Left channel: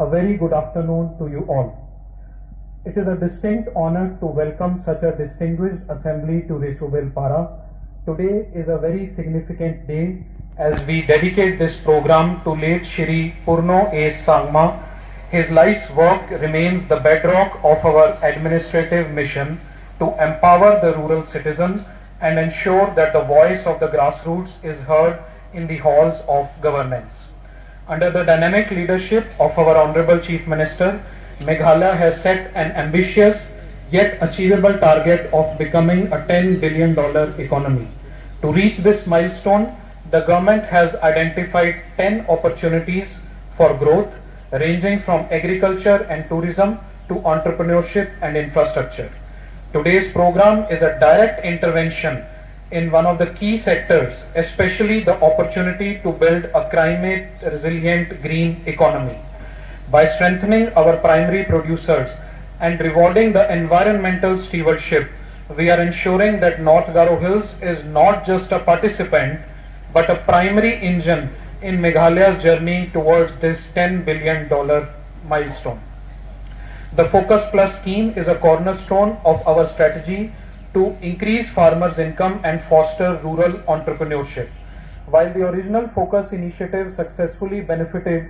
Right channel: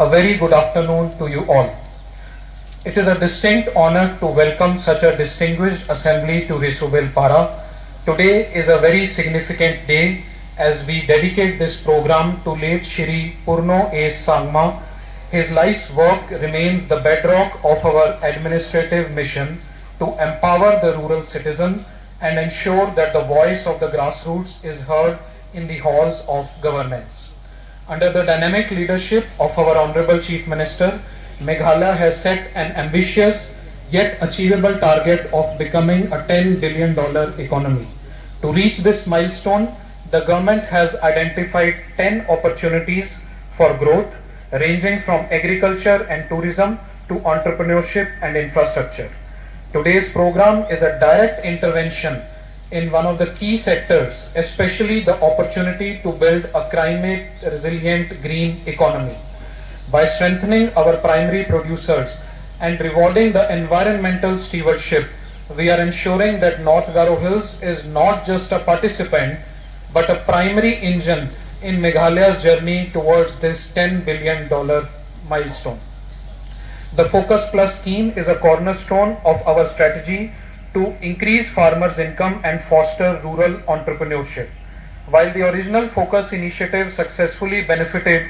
A very good afternoon to you all. It is a distinct honor to welcome such a distinguished assembly to Resubil Para. Today is a very significant day as we dedicate this program to late Shri Purno A. Sangma. His life's work remains the bedrock of our administrative mission to empower the rural citizen and ensure that the voice of the grassroots is heard in the halls of governance. Under the dynamic leadership of our Honorable Chief Minister, Meghalaya has set an ambitious yet achievable target of becoming a $10 billion economy. To reach this milestone, the government has identified 10 opportunities for growth, ranging from agriculture and tourism to entrepreneurship and infrastructure. Today's program is a direct intervention in one of the key sectors, especially the opportunity to build a climate resilient green economy. By strengthening our primary producers and rewarding the environmental stewardship, we are ensuring that North Garo Hills is not just a participant but a primary engine in Meghalaya's journey towards this $10 billion milestone. The Focus Plus scheme is a cornerstone of our strategy to increase farmers' income and foster rural entrepreneurship. While the original Focus initiative successfully benefited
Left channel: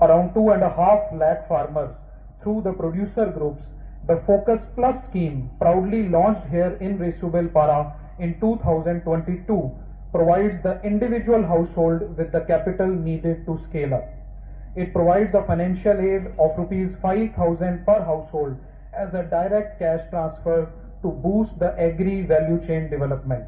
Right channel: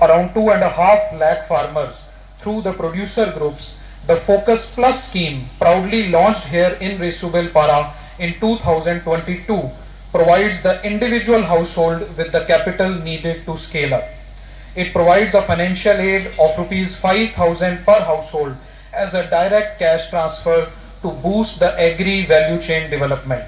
around 2.5 lakh farmers through the producer groups, the Focus Plus scheme, proudly launched here in Resubil Para in 2022, provides the individual household with the capital needed to scale up. It provides a financial aid of Rs 5,000 per household as a direct cash transfer to boost the agri value chain development.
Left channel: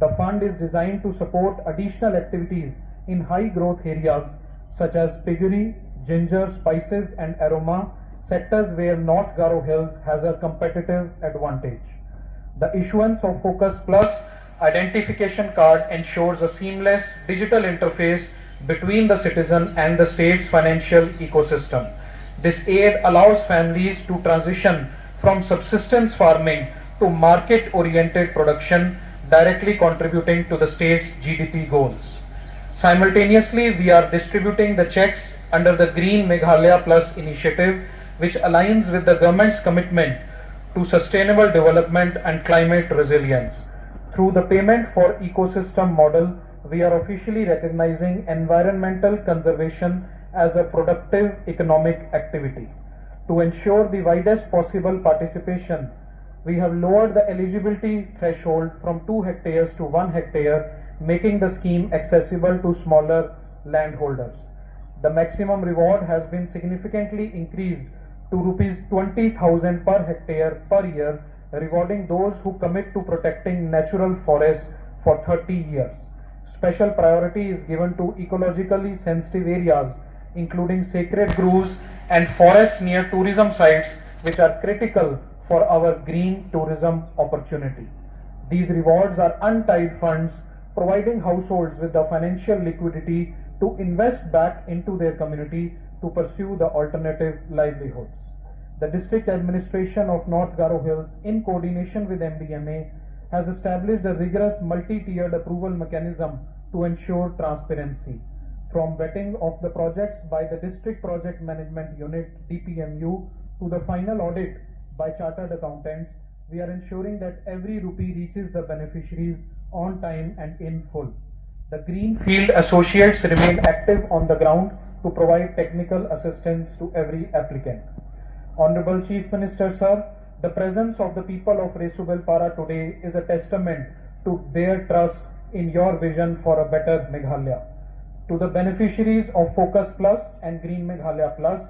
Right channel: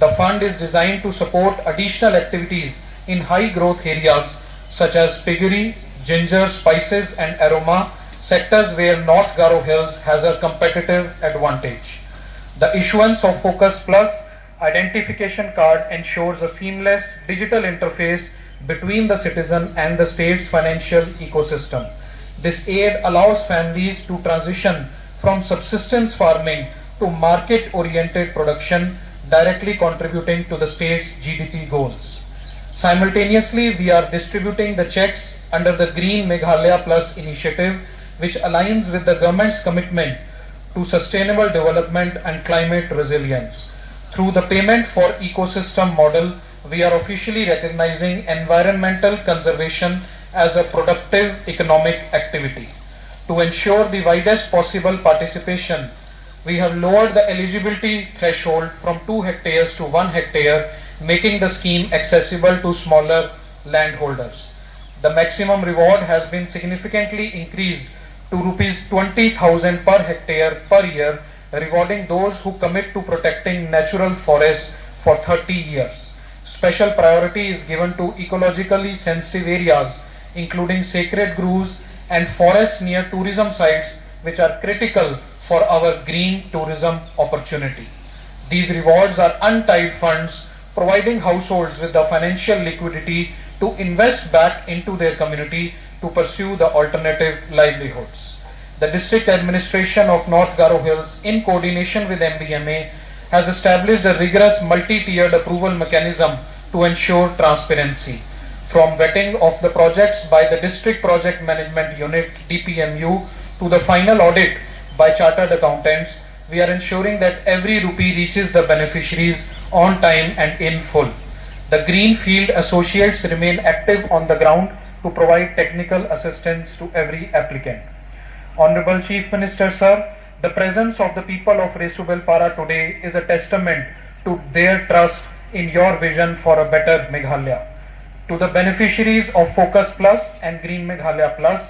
The fund is designed to support additional activities in high growth areas such as piggery, ginger, spices and aroma, sectors where North Garo Hills has a competitive advantage. The issuance of Focus Plus identification card ensures a seamless digital interface between the citizen and the state's financial ecosystem. This aid allows families to transition from subsistence farming to market-oriented production, directly contributing to the state's GDP goals. Simultaneously, we are distributing the checks under the Green Meghalaya Plus initiative, which aligns with the government's commitment to sustainable development and climate resilience. Through the payment for ecosystem model, we are officially recognizing environmental conservation as a productive economic activity. To ensure the widest possible participation, we have lowered the eligibility threshold from 2 hectares to 1 hectare, making the scheme accessible to smaller landholders. The maximum reward has been significantly increased to Rs 20,000 per hectare per year, rewarding those who commit to protecting natural forests for 30 years. Special priority is given to ecologically sensitive areas, including sacred groves and forests near tourism sites, which are critical for our green tourism opportunity. These rewards are untied funds, providing households with the financial liquidity to invest back into their community to pursue the alternative livelihoods. The District Administration of North Garo Hills, in coordination with MBMA, has established a rigorous multi-tiered approval mechanism to ensure transparency. From vetting of the projects by the District Project Management Unit DPMU to the final audit by Chartered Accountants, we are ensuring that every rupee reaches the beneficiaries on time and in full. The Greenfield Associates remain active on the ground to provide technical assistance to every applicant. Honorable Chief Minister Sir, the presence of the people of Resubel Para today is a testament to their trust in your vision for a better Meghalaya. To the beneficiaries of Focus Plus and Green Meghalaya Plus,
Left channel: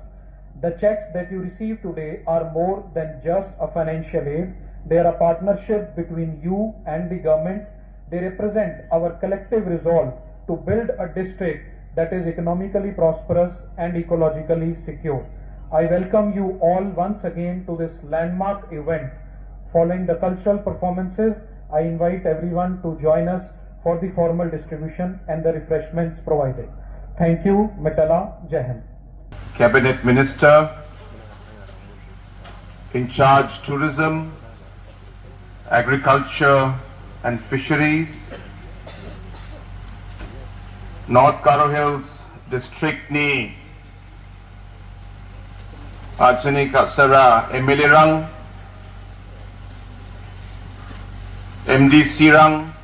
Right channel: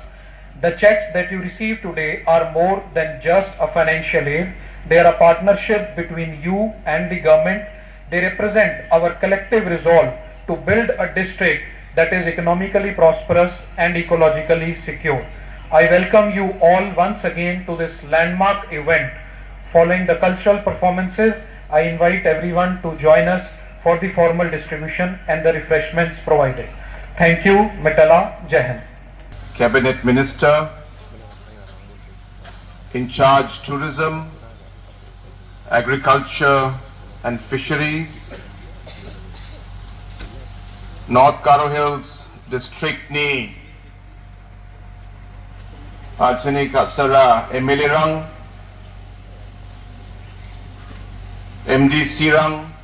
the checks that you receive today are more than just a financial aid. They are a partnership between you and the government. They represent our collective resolve to build a district that is economically prosperous and ecologically secure. I welcome you all once again to this landmark event. Following the cultural performances, I invite everyone to join us for the formal distribution and the refreshments provided. Thank you, Mitala. Jai Hind. Cabinet Minister in charge Tourism, Agriculture and Fisheries, North Garo Hills District ni Ajani Kasara MLA Rang, MDC Rang,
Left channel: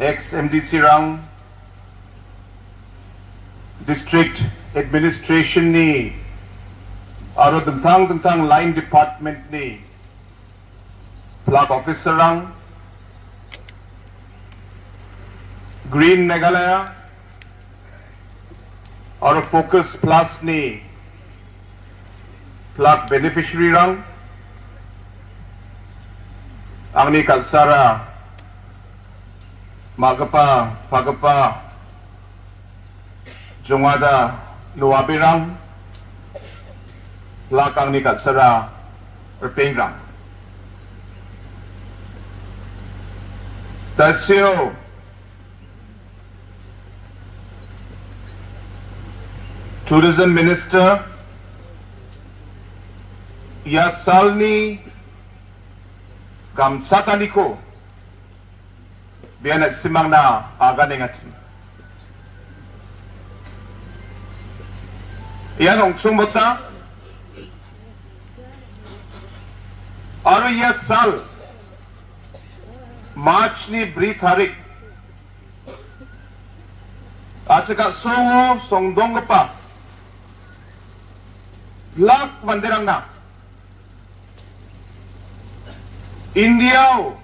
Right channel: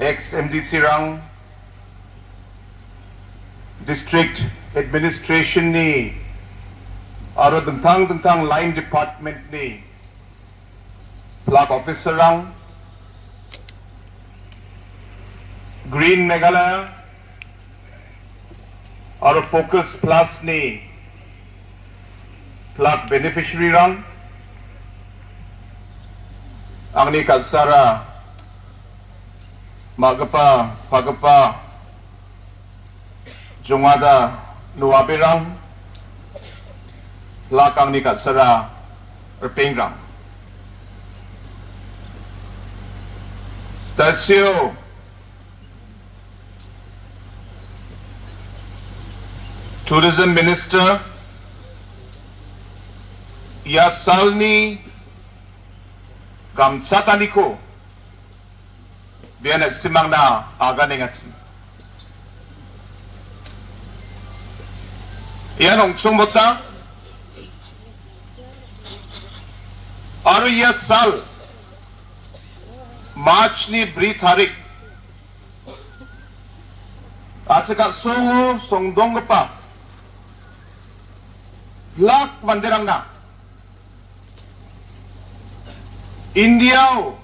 ex-MDC Rang, District Administration ni aro dentang line department ni Flag Officer Rang, Green Meghalaya aro Focus Plus ni Flag Beneficiary Rang, ang ni Kalsara Magapa Pagapa Jungada Luwabirang Lakang ni Kalsara Erpengrang Tasyo Tourism Minister Yasalni Gamsataniko biya nagsimang na aga nengatsi yan ang sumota aro yasal March ni Britharik at saka songo songdong pa Lak mandirang na India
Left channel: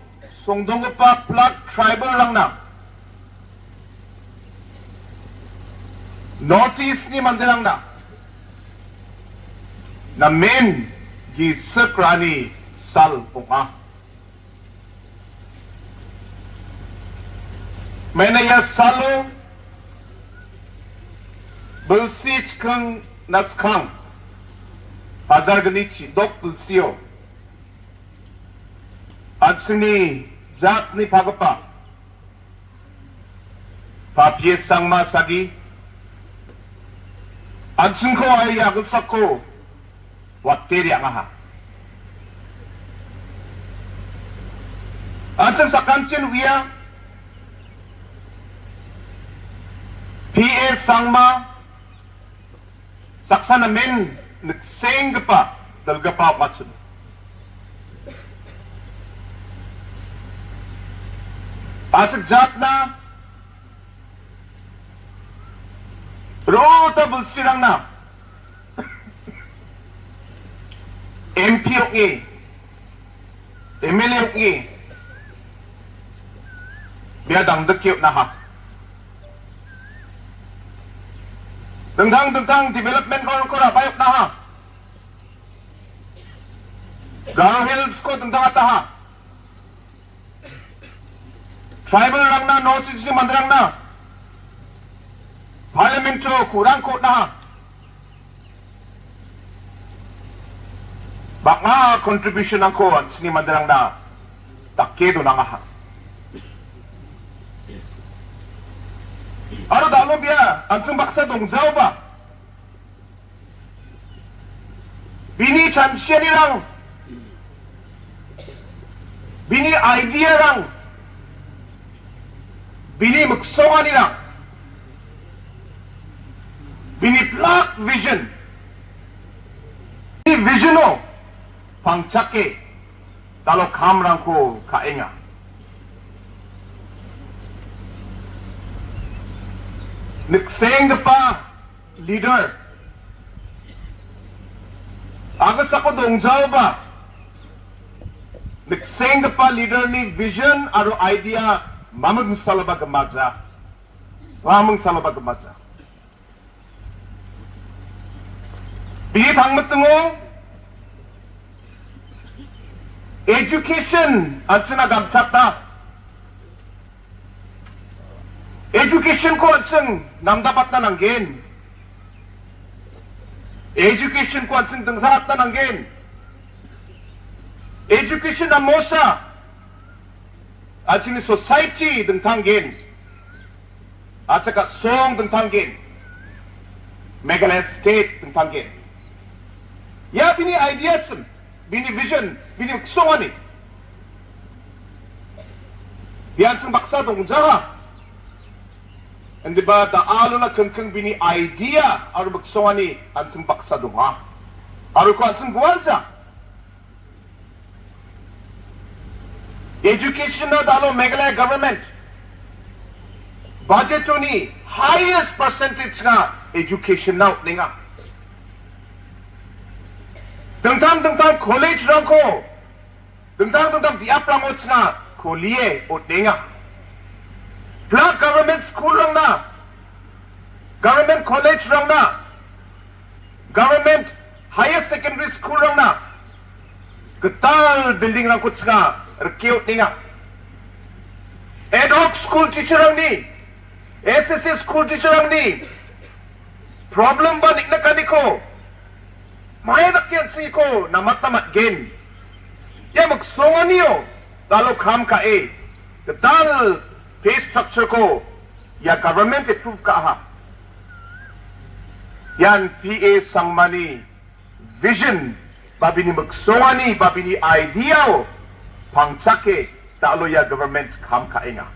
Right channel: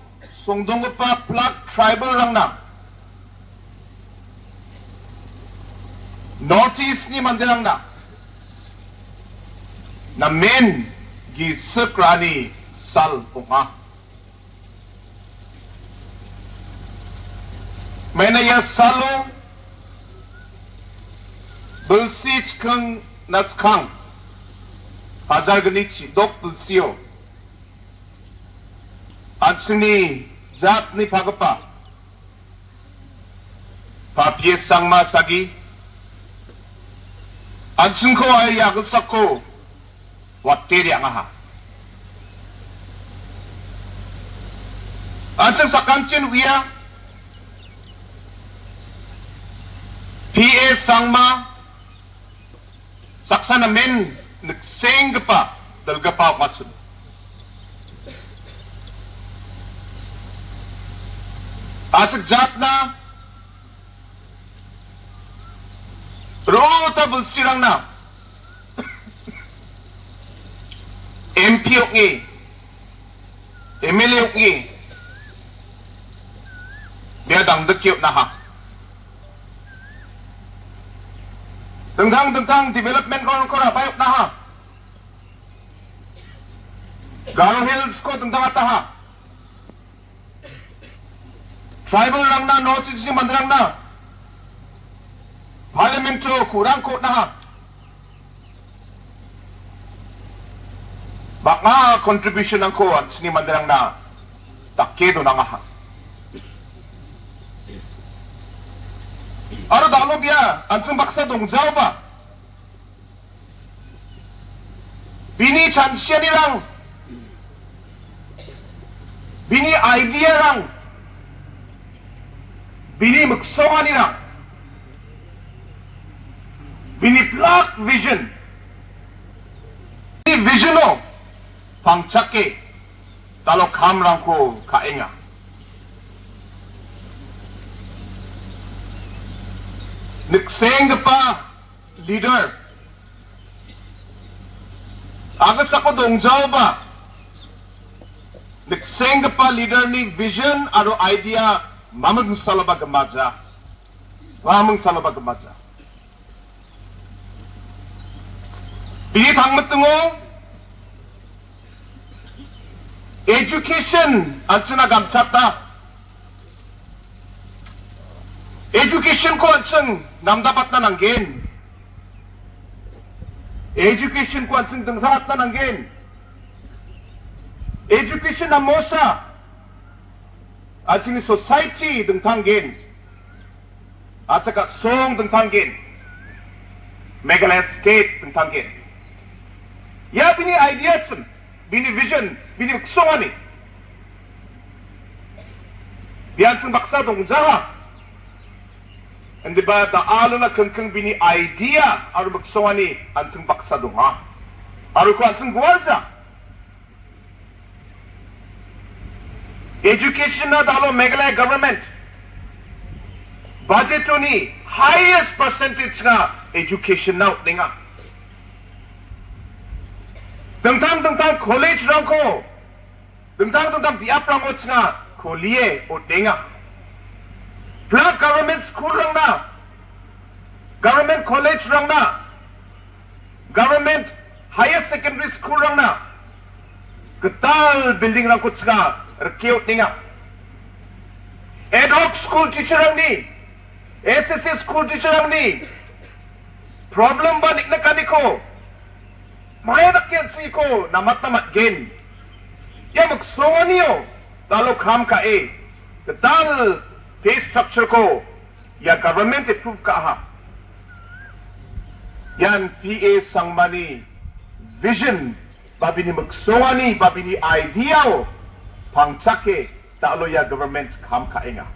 songdong pa plak tribal lang na Northeast ni mandirang na men gi sekrani sal punga menaya salo belsit kang naskang hazar gnichi dok belsio at sini jat ni pagapa papies sang masagi at sungko ay yagal sako wateri ang aha at sa kanchin wiya PA sangma saksa namin nagseng pa dalga pa matsun at jat na rota bulsirang na MP okngi MLA okngi dia dang dekyot na ha tentang development ko na bayok na ha Garo Hills ko tentang ata ha tribal lang na notice ni mandrang na parliamentary kurang ko na ha baka contribution ang ko at ni mandrang na takedo na nga ha ano dalo biya ang baksa dongjaw ba bini chansya nilang bini idea lang bini magsonga nila bini plot vision bini visiono pangchake talo kamrang ko kaenga nagseng pa leader Agad sa ko dongjaw ba? Nagseng pa leader ni vision aro idea mamang salaba gamaja. Mamang salaba gamaja. Bigit hangmat tungo education anchana gamchata. Education ko anchang namdapat na nanggen. Education ko anchang dengsarat na nanggen. Education na mosa anchang society dengtanggen. At saka song dengtanggen. Meghalaya state dengtanggen. Ya bini idea chen, bini vision, bini ksongani. Biyan sing baksa dong jaha. Hindi ba daalo na kengkeng bini idea aru baksongani an sing baksa dong ha. Aru ko an sing bualja. Education na dalo Meghalaya government. Budget ni highest percentage nga education na ninga. Tentang college rangko, tentang biap rangot na kuliah o denga. Plat government school rang na, government college rang na, government higher secondary school rang na. Ketal building rangkut na rekiut denga. Ad hoc school teacher rang ni, SSC school teacher rang ni. Problem ba nikna kaniko? Maya nakyan siko na matamat gen. Ya magsongan niyo. Lalo kam ka eh. Ketal pay structure ko. Ya government approve ka ha. Yan PA sangmani vision. Babi ni magsongan ni. Babi ni idea o. Pangtsake. Talo ya government kam ka eh nga.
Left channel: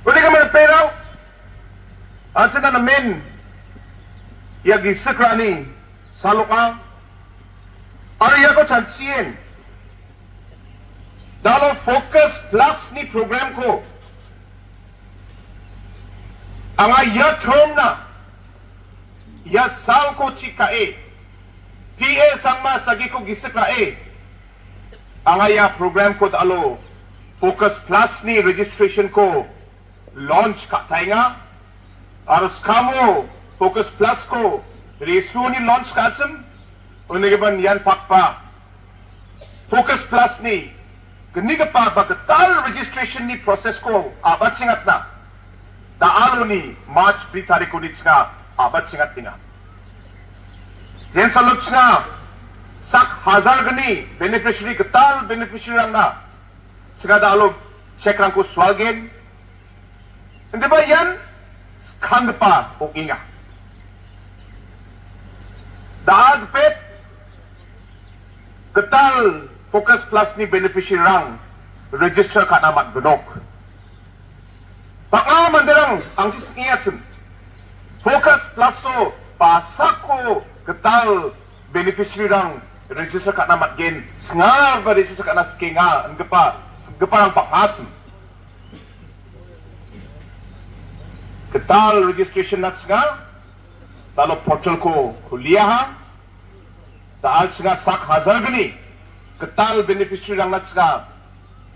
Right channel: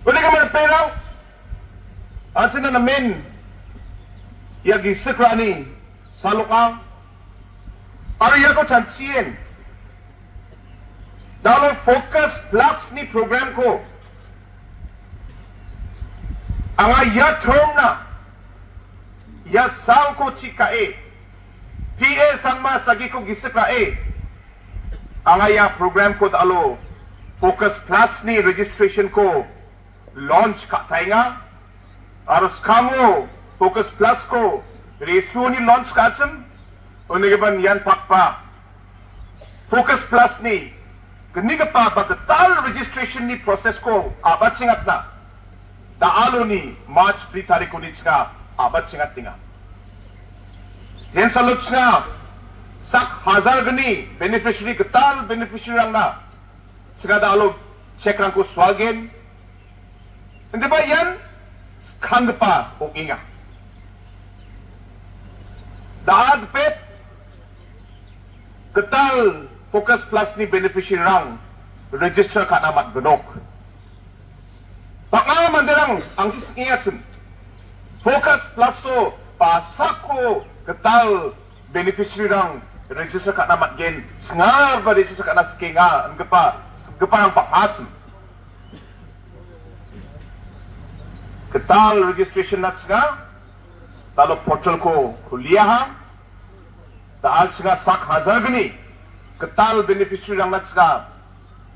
Pwede ka man peraw. Ansa na namin. Ya gisakra ni. Salukang. Ariya ko chansiyen. Dalo focus plus ni program ko. Ang ya thom na. Ya sal ko chika e. PA sangma sagi ko gisika e. Ang ya program ko dalo focus plus ni registration ko launch ka tainga. Aros kamo focus plus ko resu ni launch ka tsem. Unigaban yan pakpa. Focus plus ni. Kaniga pa bagatal registration ni proses ko abat singat na. Daalo ni March 3 tarik ko nits nga abat singat tinga. Yan sa luts nga sak hazar gani beneficiary gatal beneficiary lang na. Saka daalo check lang ko swalgen. Hindi ba yan? Skang pa o inga. Daad pet ketal focus plus ni beneficiary rang register ka namat benok. Pakaman derang ang sisingiyat focus plus so pasako ketal beneficiary rang register ka namat gen sengar ba register ka na skinga ang gepa ang pakat ketal registration na sengar talo portal ko kuliah ha. Taal sila sak hazar gani. Ketal beneficiary lang natsga.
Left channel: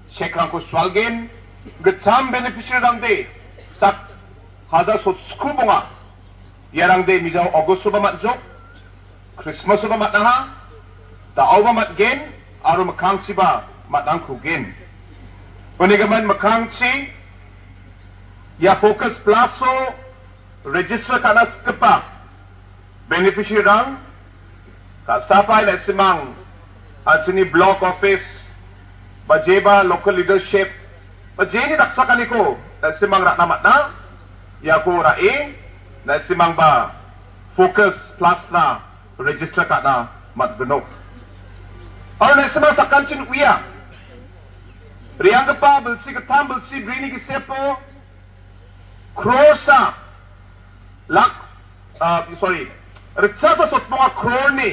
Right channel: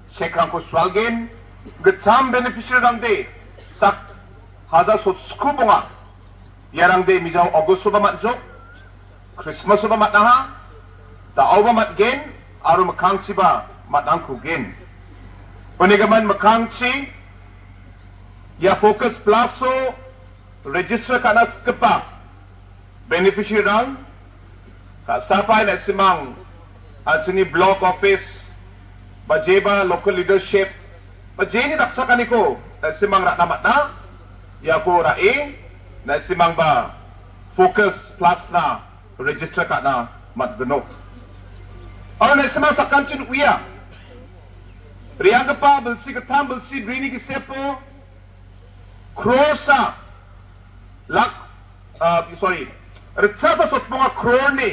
Check lang ko swalgen. Getsam beneficiary lang de. Sak hazar sot skubunga. Yarang de mijaw August ba matjok. Christmas ba matnaha. Tao ba matgen. Aro makangsi ba matang kugen. Panigaman makangsi. Ya focus plaso. Register kanas kepa. Beneficiary lang. Kasapay na simang at sini block office bajeba local leadership bajeni taksa kaniko na simang rakamat na yaku raing na simang ba focus plus na register ka na matbenok or na simang sa kanchin uya riyang pa belsi katam belsi brini gisepo krosa lak sorry retsasa sot mga kroni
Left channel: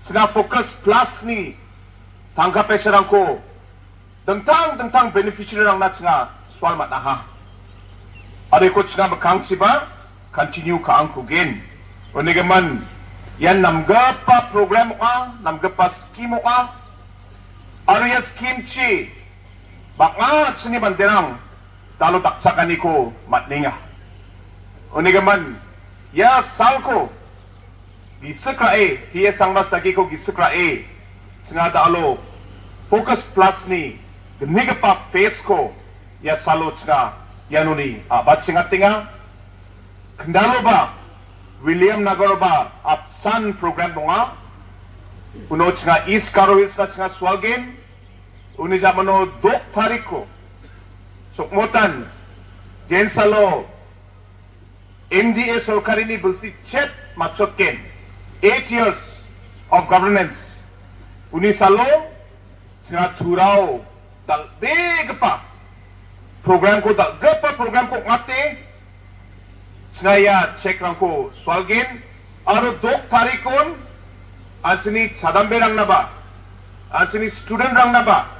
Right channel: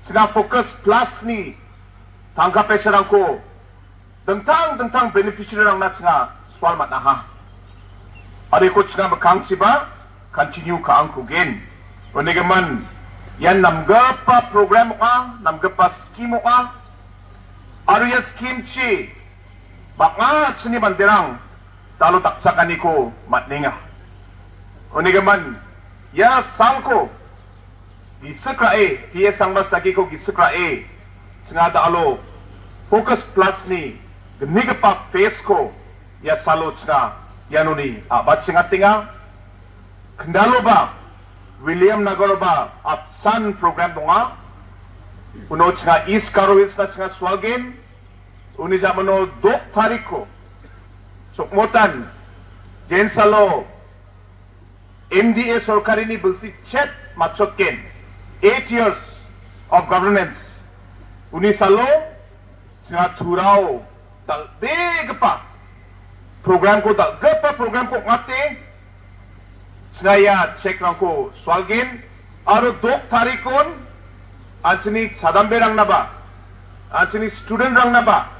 sega focus plus ni tangka peserang ko tentang beneficiary rang nat nga swal mat ha ari ko sega makang siba continue ka ang kugen unigaman Yan namgapa program ka, namgapa scheme ka. Aro ya scheme chi, baka sini banderang, talo taksakan ko matninga. Unigaman, ya salko, gisakrae, hiya sangmas lagi ko gisakrae, singada alo, focus plus ni, demiga pa face ko, ya salot nga, yanuni, abat singatinga, kendalo ba, William Nagoroba Apsan program bunga unod nga East Carowills na nga swagin uni sa mano dok tariko sukmutan jensalo MDA sorkari ni bulsi chet machotken 8 years of governance uni salo nga turao dal big pa program ko ngate Snaya check lang ko swalgin aro dok tarikon anchini sadambe rang na ba anchini student rang na ba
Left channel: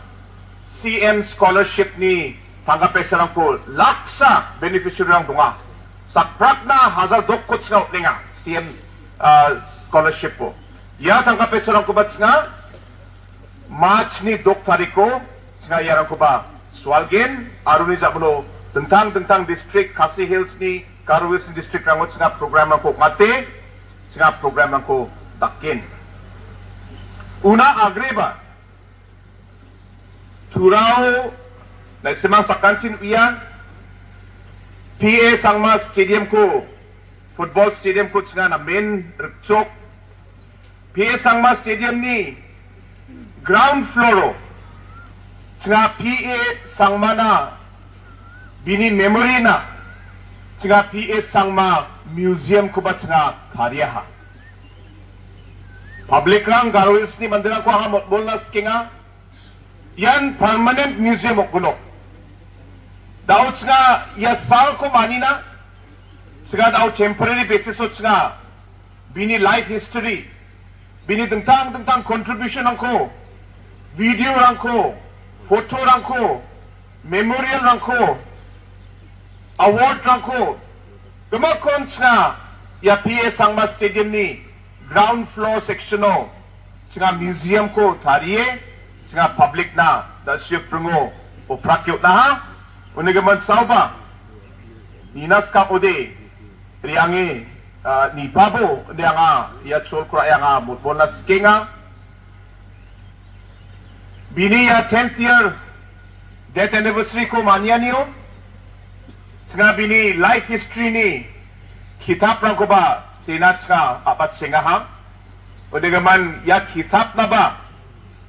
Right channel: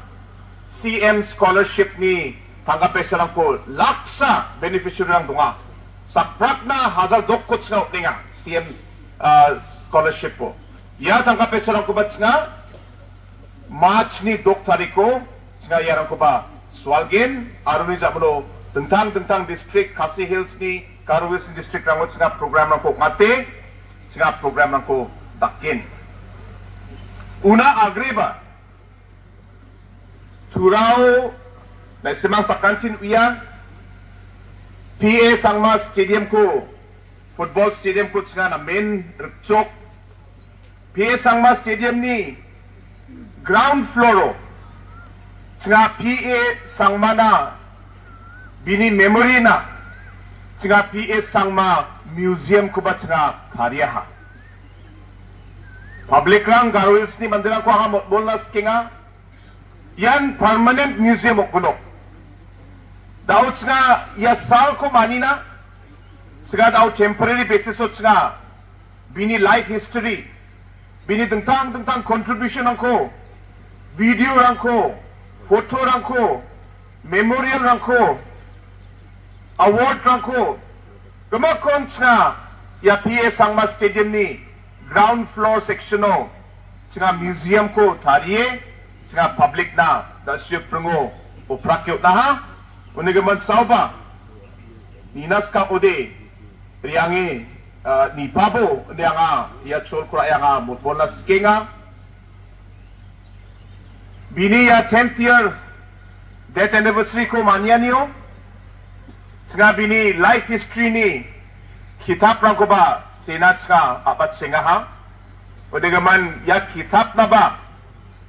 CM scholarship ni tanggapesa rang ko laksa beneficiary rang dunga sakprak na hazar dok ko tsna utninga CM scholarship po ya tanggapesa rang ko ba tsna March ni dok tariko tsna yarang ko ba swalgin aro ni zablo tentang district Khasi Hills ni Carowills district rangot singa program ko mate singa program ko dakin una agreba turao na semang sakantin iyan PA Sangma Stadium ko football stadium ko singa na main rukchok PA Sangma Stadium ni ground floor singa PA Sangma na bini memory na singa PA Sangma museum ko ba singa tariyaha public rang Carowills ni mandira ko ang motbol na skinga yan permanent museum ok gunok daw singa yasal ko manina singa daw temporary basis o singa bini life history bini tentang contribution ko video rang ko photo rang ko memorial rang ko award rangko gumakom nga ya PA Sangma Stadium ni ground floor section no nga museum ko tariye nga public na da siya prungo o prakyot na ha unigaman sauba ninas ka ode priyangi ni babo niya nga ya chol kura ya nga mutbol na skinga bini ya 10th year death anniversary ko manya niyo Singabi ni life history ni kitab lang ko ba sinat nga apat singa ha o digaman ya kitab na ba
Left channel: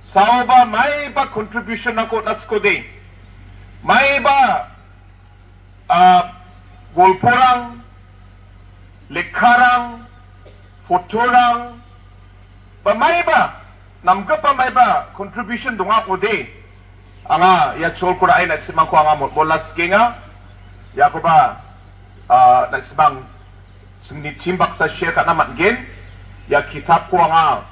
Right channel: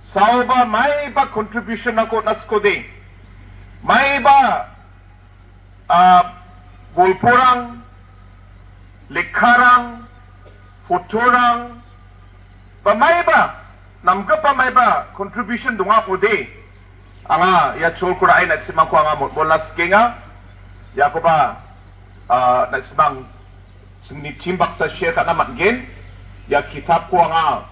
sao ba may ba contribution na ko nas ko din may ba golporang likharang fotorang ba may ba namga pa may ba contribution dunga ko din anga ya chol ko na ay nasimang ko anga bolas kinga ya ko ba nasimang sini timbak sa share ta naman gen ya kitab ko nga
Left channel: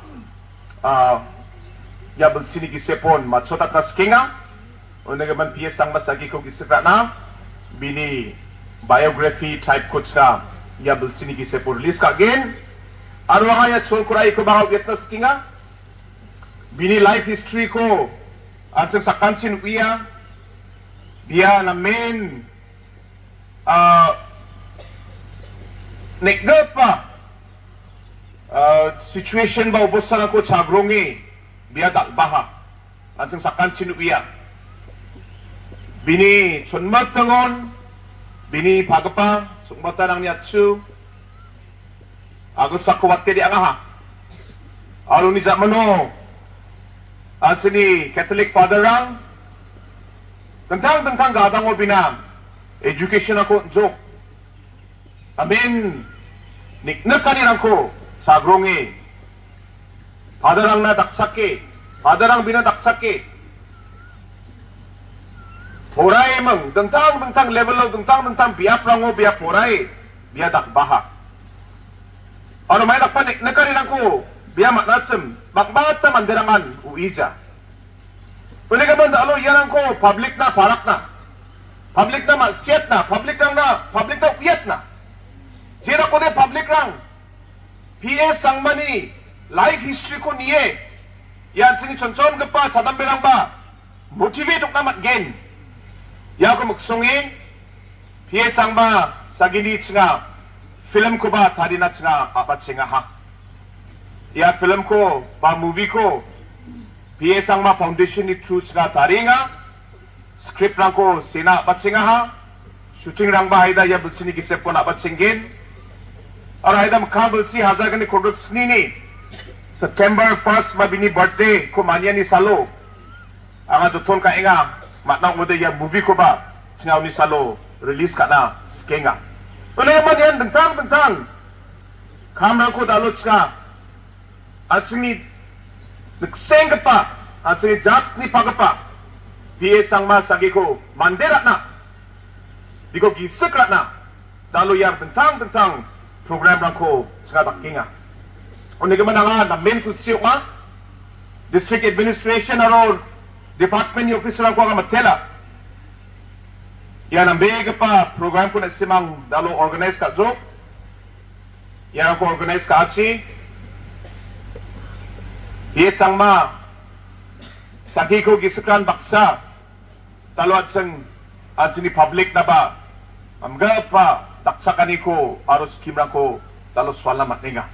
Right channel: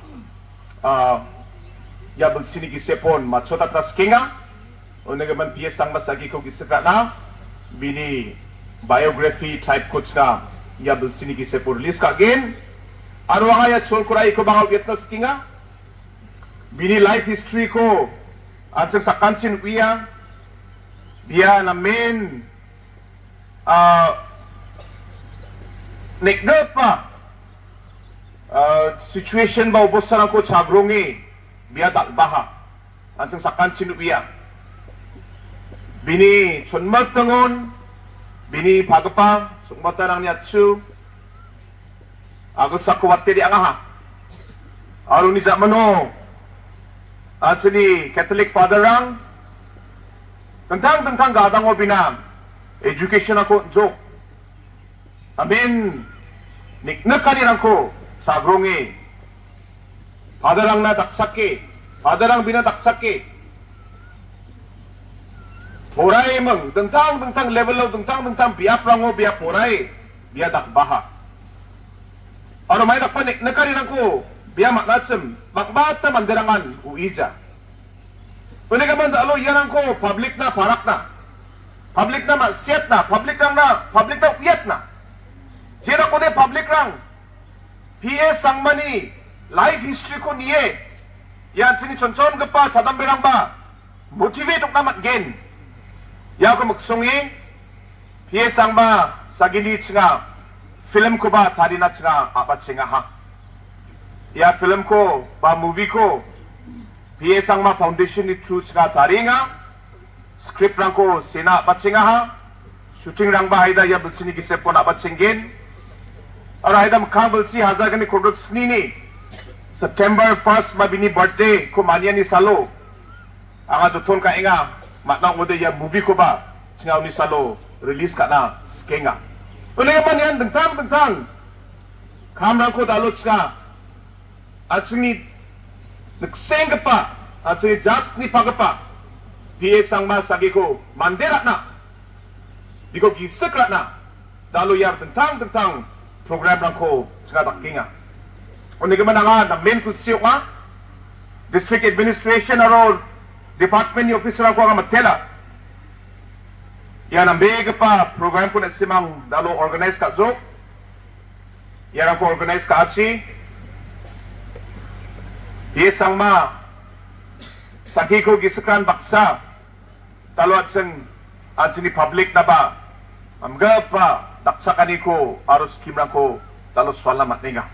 ya bersini gisepon machota tas kinga o nagaman piyesang masagi ko gisepra na bini biography type ko ka ya bersini gisepon release ka gen ano nga ya chol kurai ko baka witness kinga bini life history ko atsang sa kanchin uya biya na main nekda pa situation ba ubusan ako chagrungi biya dakbaha atsang sa kanchin uya bini chonmat tangon bini pagapa sukmata nang niatsu agut sa kuwate di angaha alung ni zamano at sini Catholic father rang tentang gadang o binam education ako joke amin niknak kanirang ko sa agrungi father rang na daksake father rang binadaksake poray mang tentang level lo tentang biap rango biap poray biya dakbaha ano may dakpanik nakarinang ko biya maknatsem bakbata mandarangan uija pwede ka man alo yan ko public na parak na public na masyet na public na uyat na sila ko de public lang PS Sangmani life history ko niye ya sini chonchon gepa chadam beramba motivate ok namat gen ya ko magsungi PS Sangma sagini chinga film ko ba tadi na chinga apa chinga ha ya film ko ba movie ko PS Sangma foundation ni true chinga tari nga script rang ko sina apa chinga ha shooting rang ba haida ya bersini kisepon apa cingin और आइदम कहाँ बल्सी हजार कने कोडक स्नी नी September 1st mabini birthday ko mania ni salo anga tutol ka inga matna ngode ya movie ko ba singaw ni salo release ka na skenga uling man yan dengtang kamera ko dalot ska achini nagseng pa achini jat ni pagapa PA Sangma sagi ko mandera na biko gisak na dalo yang dengtang program ko ska bakinga Oni ke mana na main kusio nga district administration or department ni officer ko nga matela yan ang big pa program ko na simang dalo organize ka jo yan ko organize ka achi PA Sangma sagi ko gisakran baksa talo at ni public na ba amga pa daksa kaniko aros kimran ko talo swala matninga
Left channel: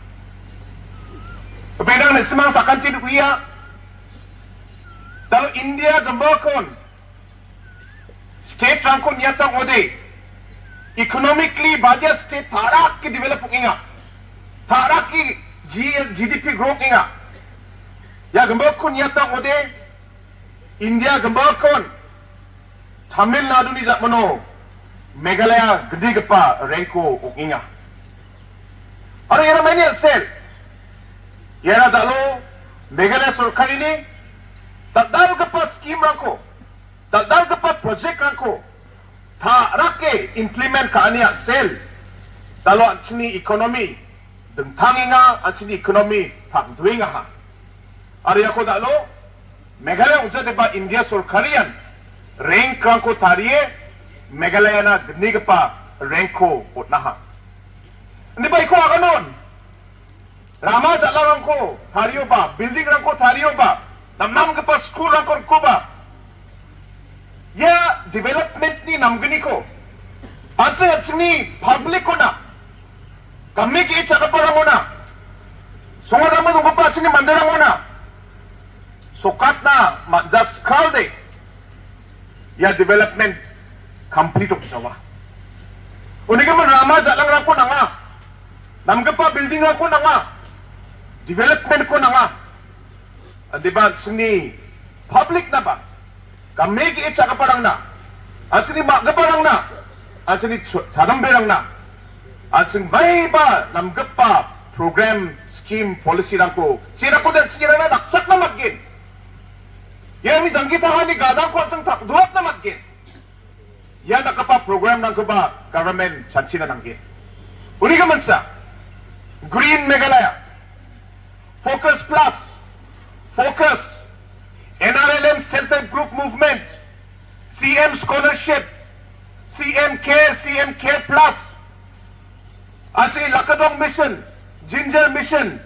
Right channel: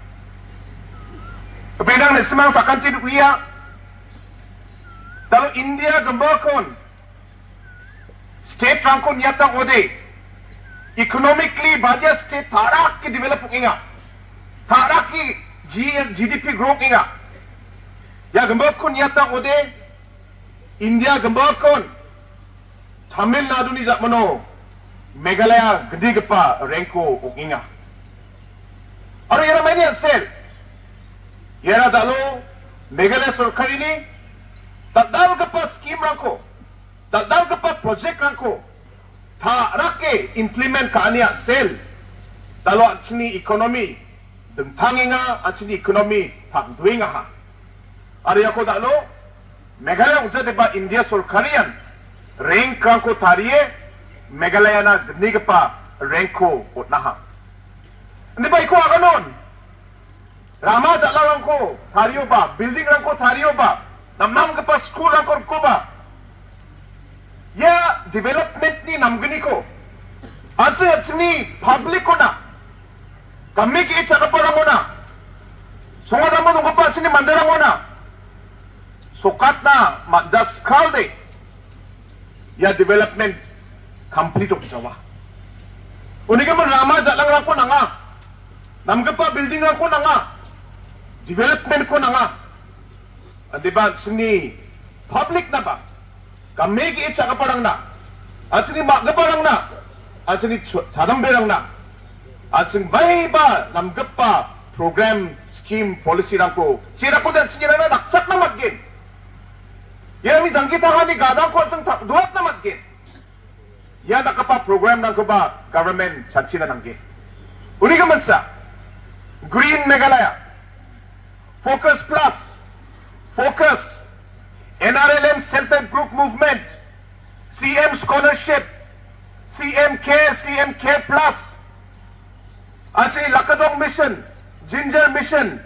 Bidang na semang sa country kuya talo India gambakon state rangkon nyatang ode economically baja state tharak ki develop inga tharak ki GDP growth inga ya gambakon nyatang ode India gambakon Tamil Nadu ni zakmano Meghalaya gede gepa ranko inga Aro yana many sel Yana dalo Meghalaya Sarkar ini tadal gepa scheme rangko tadal gepa project rangko tharake implement kaania sel dalo achni ekonomi dengtanginga achni ekonomi pagduinga ha Aro yako dalo Meghalaya ujade ba India Sarkarian rank rangko tariye Meghalaya na gede gepa ranko utnaha Hindi ba iko aganon Rama jalan ko thariyo ba building rangko thariyo ba namam ke pas school rangko ko ba ya development ni namgini ko achni public ko na kami ki icha ka parang na sunga damo ko pa achni mandara mo na sukat na just call de ya development complete ko jawa unige man Rama jalan rangko na nga namga pa building rangko na nga development ko na nga di ba sini public na ba kami ki itsa ka parang na at sini ba parang na at sini sadang berang na at sini may ba namgap pa program scheme policy lang ko sira ko din sira na daksak na magin yan ni jangkita ka ni gadang ko at duwat na magin yan nakapa program lang ko ba government chansi na nanggin uli ka man sa Green Meghalaya Focus Plus, Focus, NRLM Self-Help Group Movement, CM Scholarship, CM Care Plus, actually Lakadong Mission, Ginger Mission.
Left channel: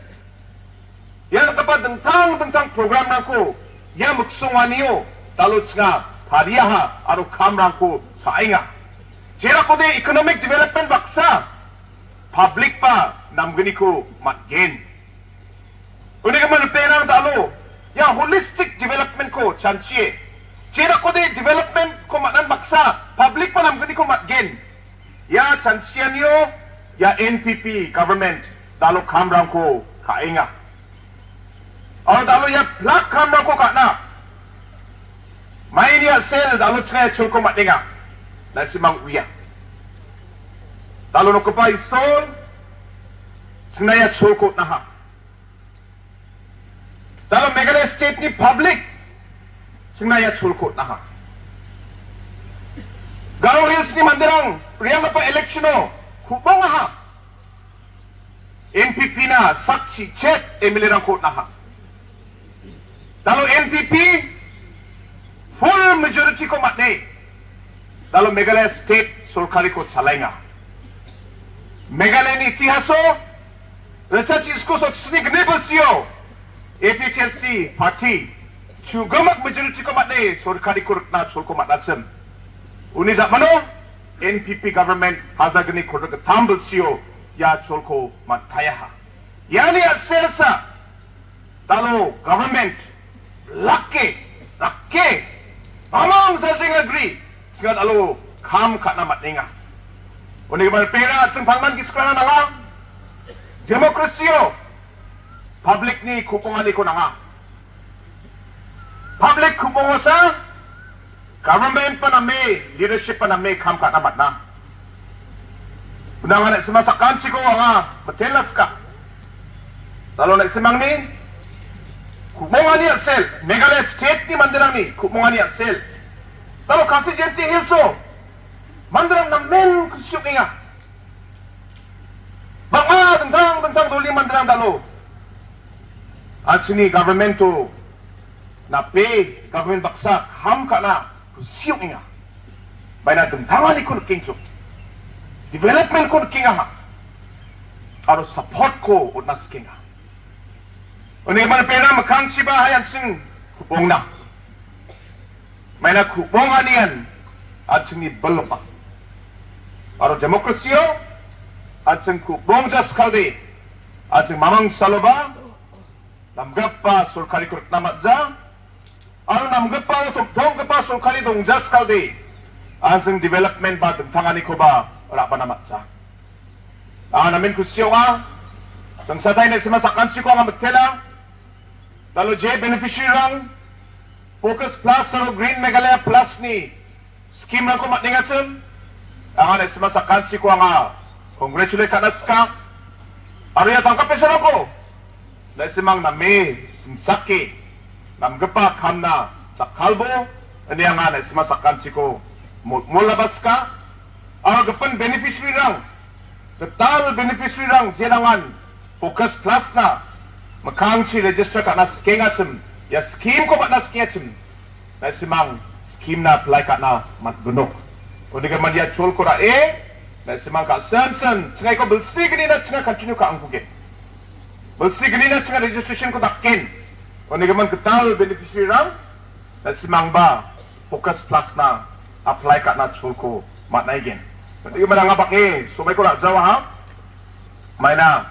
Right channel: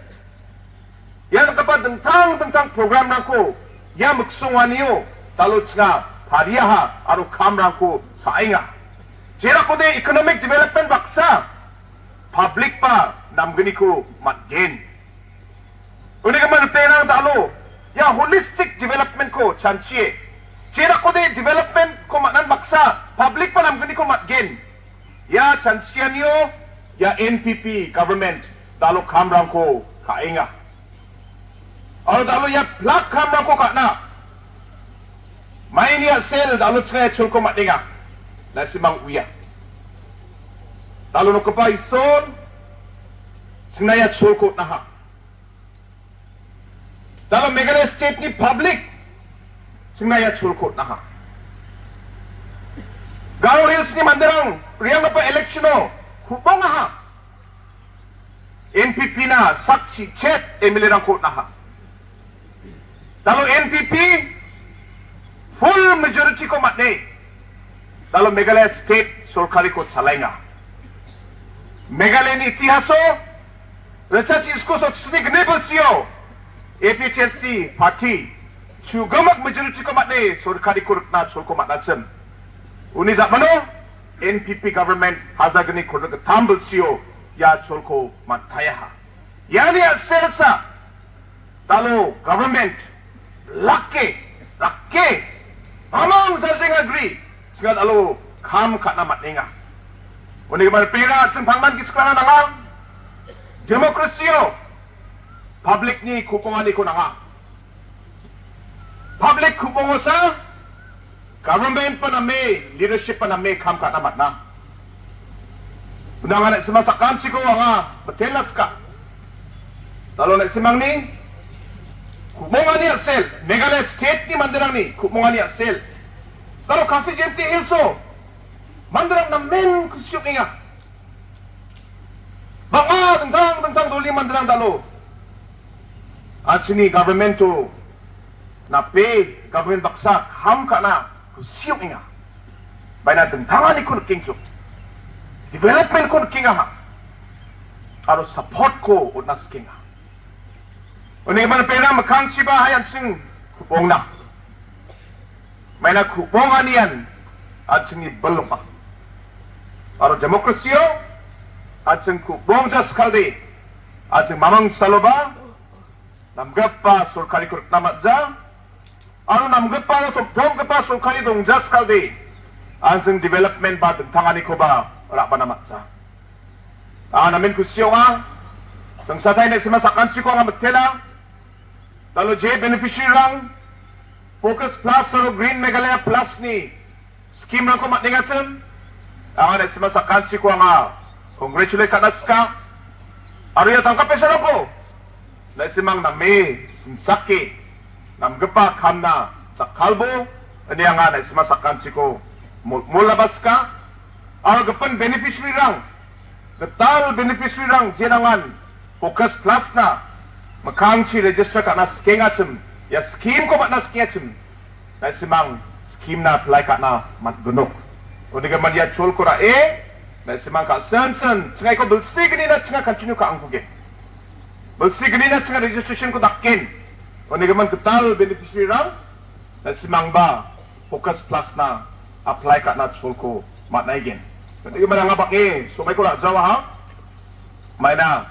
Yan kapag dengtang program na ko, yan magsungan niyo, talot nga, pariyaha, aro kamrang ko, kainga. Sira ko din economic development baksa, public pa, namgani ko, matgin. Uni kaman pera dalo ya holistic development ko chancie sira ko de development ko manan maksa public pa namgani ko matgen ya chancie niyo ya NPP government dalo kamrang ko kainga or dalo ya plak kamrang ko kana may niya sel dalo tsaya chul ko matninga na simang uya dalo no ko pa ison sinaya chul ko na ha Dalam Meghalaya State ni public sinaya chulkot na ha. Gao Hills ni Mandirang riyang pa election o hubong ha. NPP na sakshi chet emilirang kot na ha. Dalam NPP full majority ko matne. Dalam Meghalaya State Sarkari ko salay nga. Meghalaya ni itihaso Recha isku so sini gnebul sio. APTNC party. Chugamak majority ko matne sorkari kurukna cholko matnatsem. Uni zat mano NPP government hazagni kuruk tambul sio ya cholko matayah. Yani selsa talo government lakke among sasing agree singat alo kham khatna matninga oni mal pera chung phangman kiskrana nanga demokrasio public ni kupongani ko nanga public kupongosa government paname leadership paname kham khatna matna unang anak simasakan siko nga matelas ka talo nak simang ni Kumongani sel, Meghalaya state ni mandirang ni kumongani sel. Talo kasi jenti hilso, mandirang na men kusyuk inga. Baka tentang duli mandirang talo. At sini government to na pay government baksa ham ka na kusyuk inga. Bay na tentangan ni kun king so. Development kun kinga ha. Aro support ko unas kinga. Oni mal pena makan siba hayan sing kupong na. May na kupong anian at sing ibalpa. Aro demokrasyo at sing kupong jas kaldi at sing mamang saloba namgap pa sulkari kurut namat za. Aro namgap pa tong pa sulkari dong jas kaldi at sing development ba tangani ko ba wala pa namat za. Namin kusyo nga sang satay na simasakan si ko nga magtela. Talo J beneficiary lang Focus Plus sa Green Meghalaya Plus ni scheme lang ko matningatsen ang anak simasakan si ko nga congratulate kanas ka ariya tangkap pesa lang ko na simang na may sinsaki namgapa kamna sa kalbo ani ang anak simasakan si ko mulabas ka ang gapan beneficiary lang gatal beneficiary lang jenangan Focus Plus na Makangchi register ka na skengachim. Ya scheme ko mat na skengachim. Na simang scheme na apply ka na matgunok. O di ka man ya chol ko na na simang ka san. Tsingay ko belsi gani na tsingay continue ka ang kuge. Belsi gani na tsingay registration ko dakin. O di ka man ketal beneficiary rang. Na simang ba Focus Plus na apply ka na chol ko mat na igen. O di ka man nga baki. Sumay ko na jawa ha. May na.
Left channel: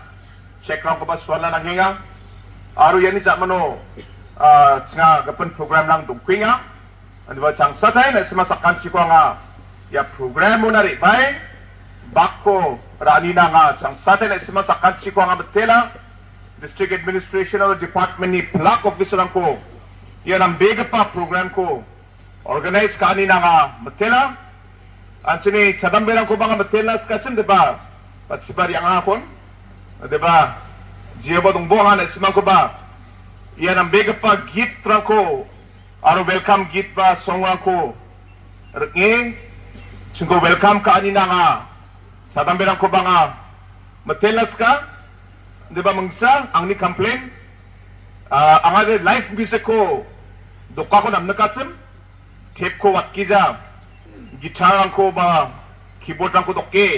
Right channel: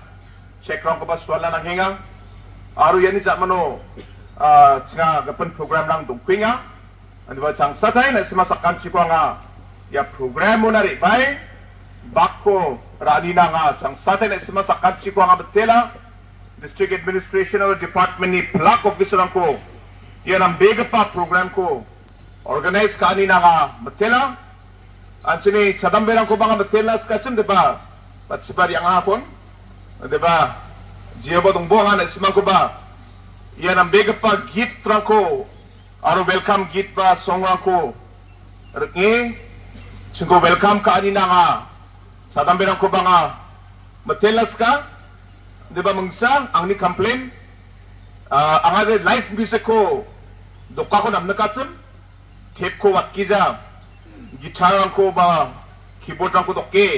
Check lang ko ba swala ng hinga. Aru yani jak mano tsinga gapan program lang dongkwing nga andi ba chang satay na simasakan si ko nga ya program mo na ri bay bako rani na nga chang satay na simasakan si ko nga betela district administration department ni plak officer lang ko yan ang big pa program ko organize ka ni na nga betela at sini chadambe lang ko ba nga betela skachim diba pat sibari ang hapon diba Jiaba dong buangan at simang ko ba yan ang bega pa git rang ko ano welcome git ba songang ko ringi singko welcome ka anina nga sa tambirang ko ba nga matelas ka di ba mangsa ang ni complain ang agad life music ko doka ko namnakatsun tape ko wat kiza gitarang ko ba keyboard rang ko doke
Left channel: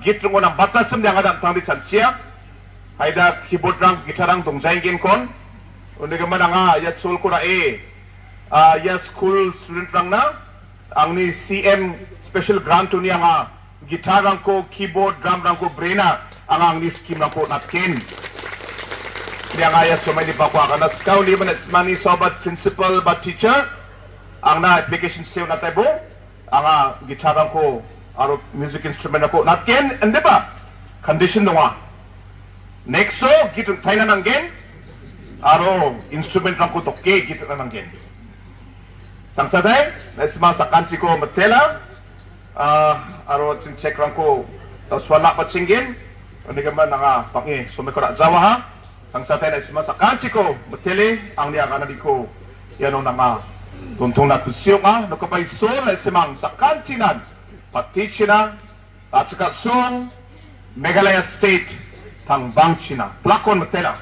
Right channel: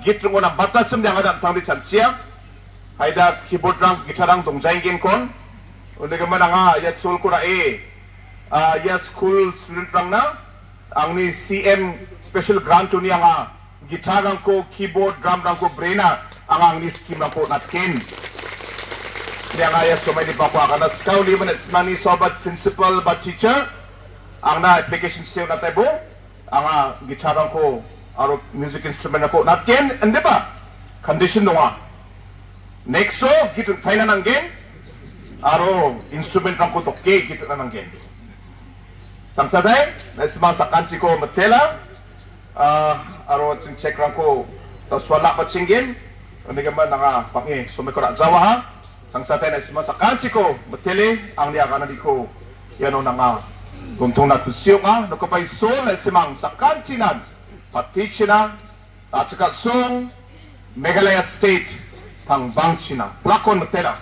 git rang ko ng batatsum di ang agad tang di chansiya Haida keyboard lang, gitarang dongjaingin kon. Undi ka man nga, ya chul ko na ya school student lang na. Ang ni CM special grant niya nga, gitarang ko, keyboard, drum lang ko, brena. Ang ni scheme lang ko natkin. Kaya nga ya sumay ni Papa ka na. Ikaw liman at mani sobat principal ba teacher. Ang na application sale na tayo. Ang gitarang ko, aro music instrument na ko natkin. Hindi ba? Condition nga. Next so, gitu tayo na ng game. Aro, instrument lang ko toke, gitu na ng game. Sang saday, nasimasakan si ko matela. Aro, check lang ko. Tapos wala pa singgin. Ano naman nga, pangi, sumiko na jawa ha. Sang saday, nasimasakan si ko matele. Ang niya ka na di ko, yan o na nga. Tuntong na kusyo nga, nakapay sol, nasimang sa kantinan. Patichina, at saka song, Meghalaya State, Tang Bangchina, Plakon Matera.